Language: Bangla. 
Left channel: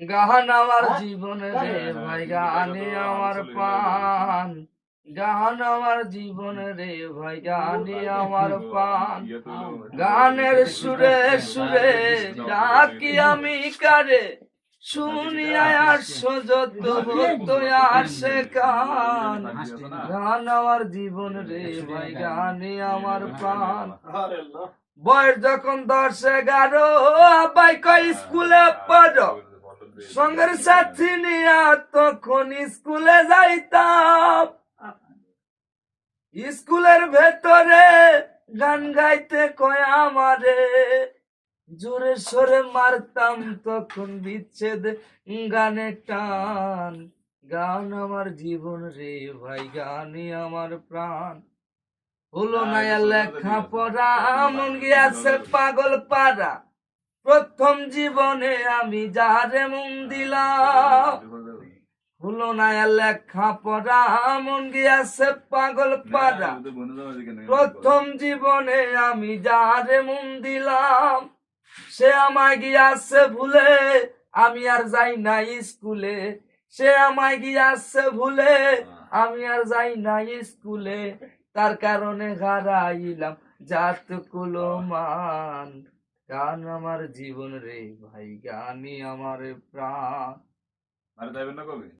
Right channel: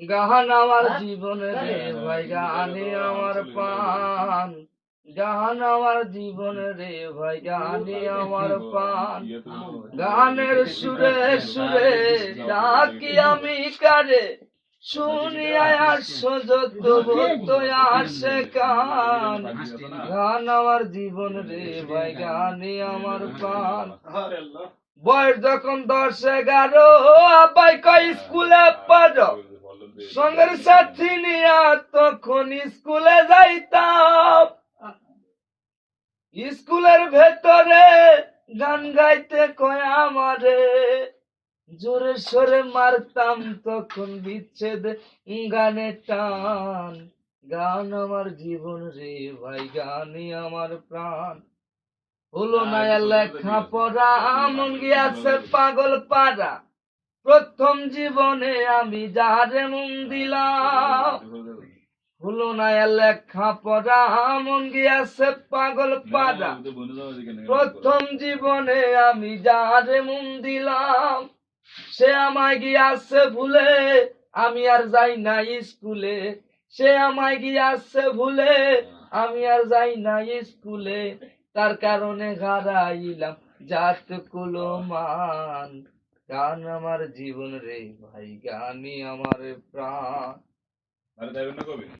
গাহান আমার হ্যাঁ? জীবন রে ভাই গানে আমার পান গান আমার জীবন রে ভাই গানে আমার পান। গানের সুরে সুরে ডাকি আমি কারে? শুনিয়া আসো যত আসে কান। গান আমার জীবন রে ভাই গানে আমার প্রাণ বয়স যখন দশ এগারো আপাই কই স্কুলে পড়ো। সঙ্গের সাথী নিয়া তখন স্কুলে যাইতাম। স্কুলের ভেতরে গান গাইতে কয় আমারে। জোরে সরে মারতাম তখন বিচ্ছেদ গানে টান। গান আমার জীবন রে ভাই গানই আমার প্রাণ। হলো না লেখা পড়া মন গিয়াছে পাগল পাড়া। প্রথম জীবনে আমি যারে মন দিলাম। হলো না লেখা পড়া মন গিয়াছে পাগল পাড়া। প্রথম জীবনে আমি যারে মন দিলাম সে আমায় গিয়াছে ভুলে। আমি আর যাই না স্কুলে সে আমায় গিয়াছে ভুলে। আমি আর যাই না স্কুলে তার কারণে হারাইলাম। জাত কুলো মান গান আমার জীবন রে ভাই, গানই আমার প্রাণ। কবে?